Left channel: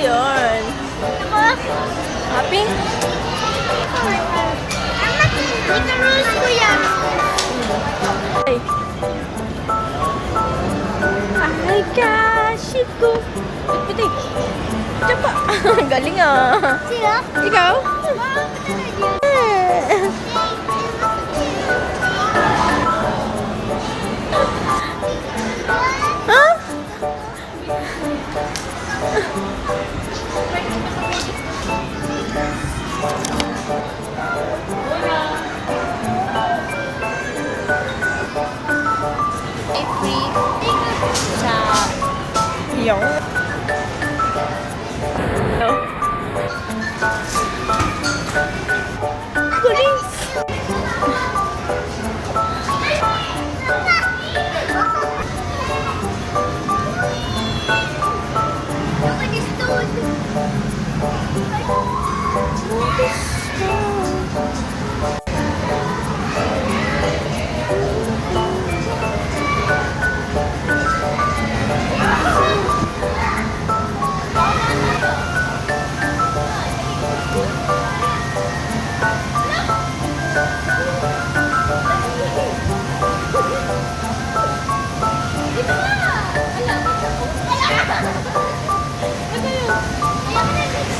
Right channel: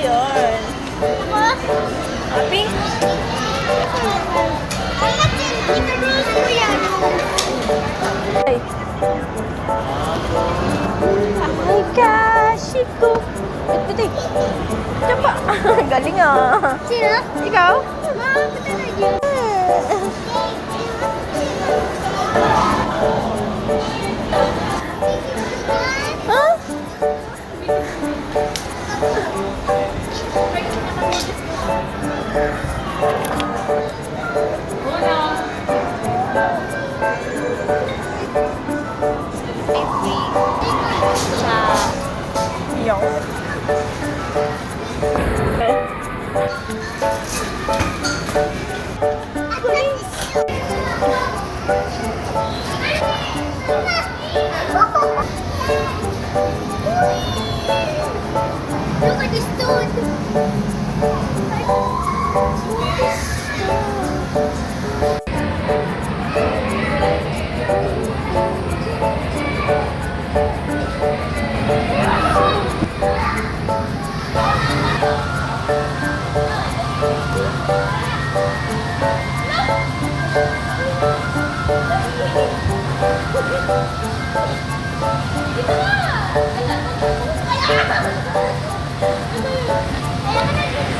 yun. Happy? Ay, gosh, ito. Pati. Diyan pa. Galing ah. Sino? Ikaw? Mama, pati na dyan. Huh? Yung. Look at this dude.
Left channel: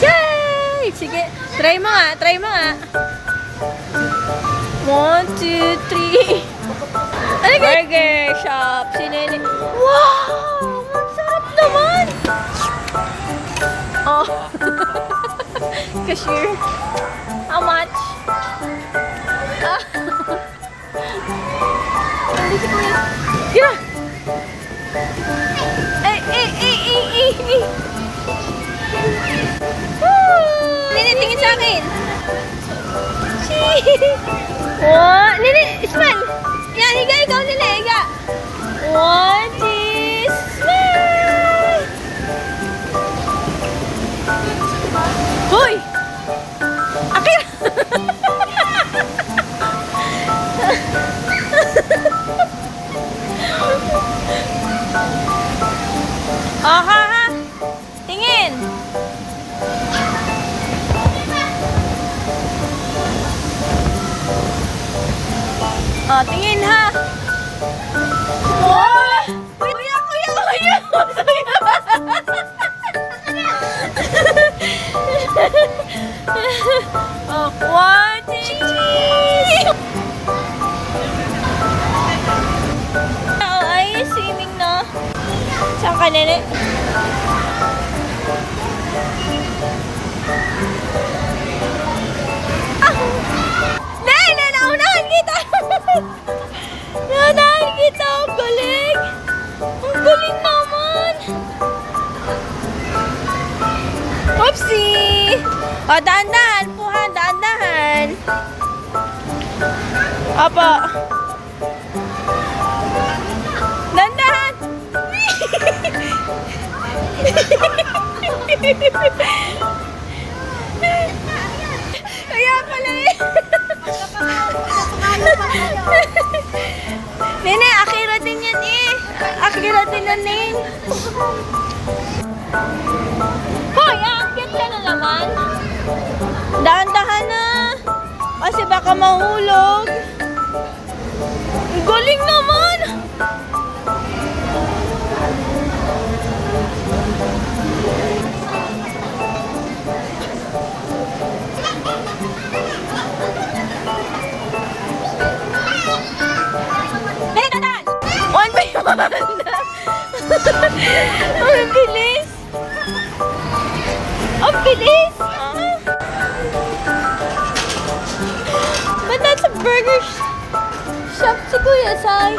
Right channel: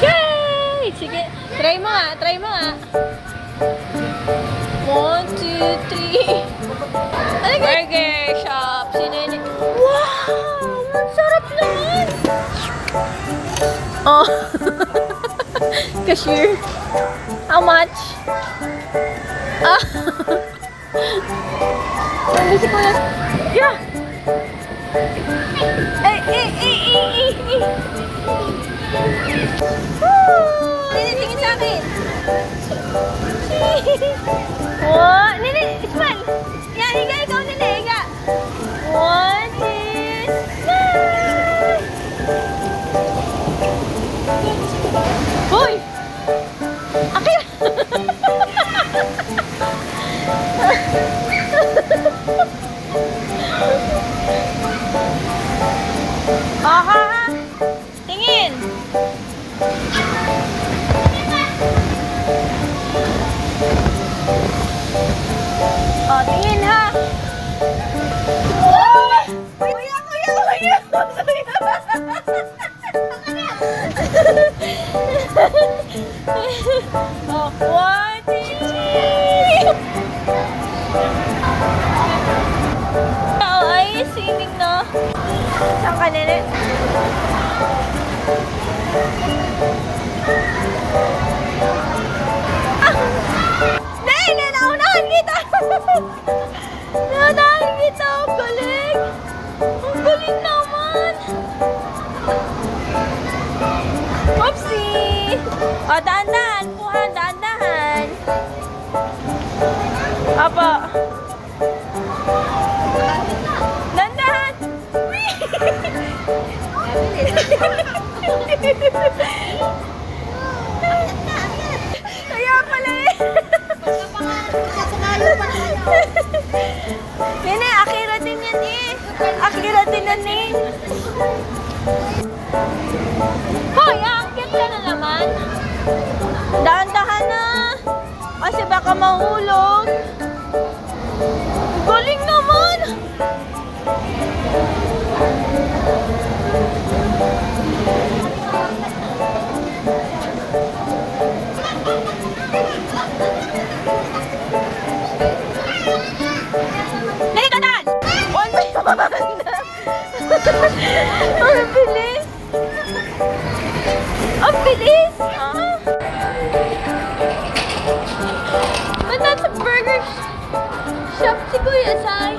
Yay! Sige, try mo nga, try mo nga. 1, 2, 3. Burger shop. Sinini. Wow! Masarap naman! Oh. Cashier. How much? Ah. Ano si Kuya? Yeah! Eh. Nini, tingin sa akin. Oh, Nini, smile. Yan, higa, ikaw, Nini, higa. 1, 2, smile. Hoy! Akira! Aha! Tingin! Ah, tingin ha! Oh! Kuya! Oh, 1, 2! Oh, ay, swimming na. Saan ka, Nene? Nene, naunahan kita! Naunahan kita! Ang galing! Ang galing naman! Whoopsie! O, dahan-dahan po ha, dahan-dahan. Opo. Dahan-dahan! Kaya pala eh. Nene, akiratin yan eh. Akiratin na nin. Hoy, aakit ka na naman. Dahan-dahan na. Kasi baka mahulog. Galing naman. Dali, tatan! One by one! Ang bilis! Ang bilis! Oh. But that's a burger shop si Kuya Sai.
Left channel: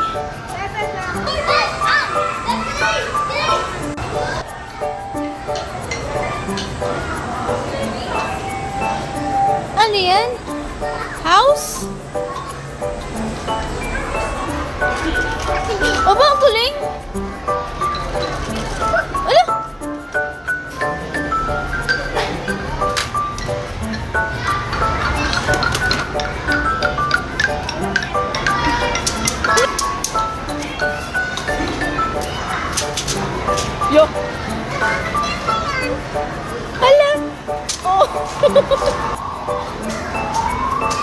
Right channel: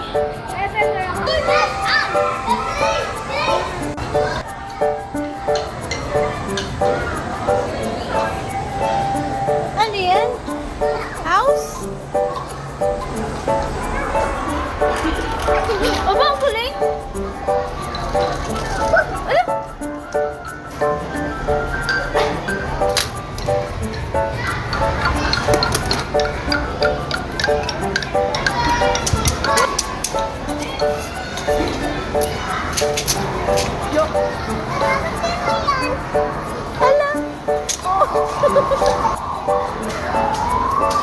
Ano yan? House? O ba ang kuling? Ano? Yo!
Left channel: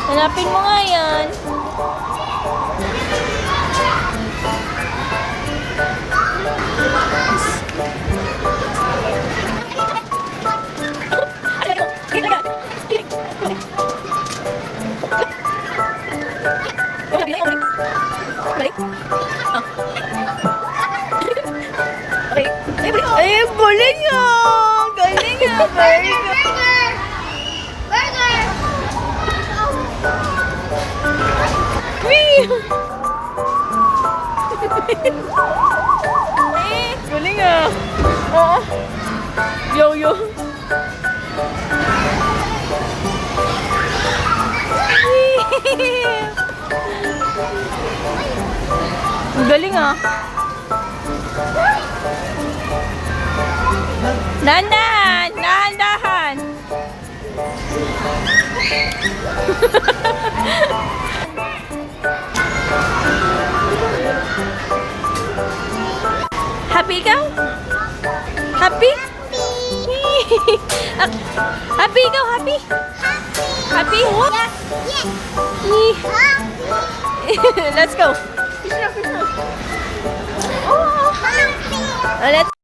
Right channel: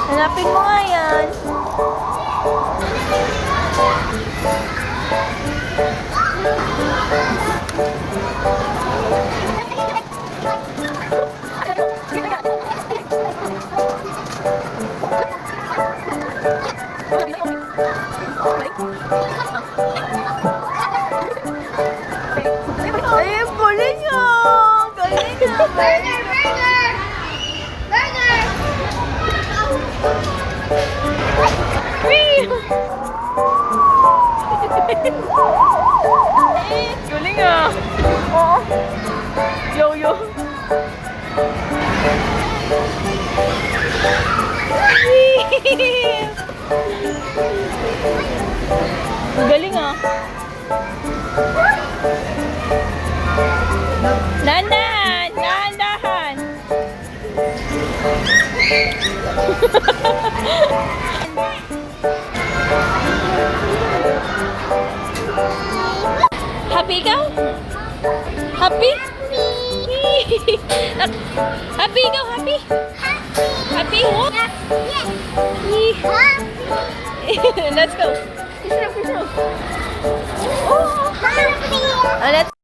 Hanapin mo nga yan. Ay, galing ah! Galing ah! Burger! Burger! Burger! Galing ah! Oo. Yo-yo. Galing ah. Dahan-dahan! Dahan-dahan! Happy ikaw? Happy? Happy ikaw? Happy? Happy? Yes! Let's go. Happy! Oh, let's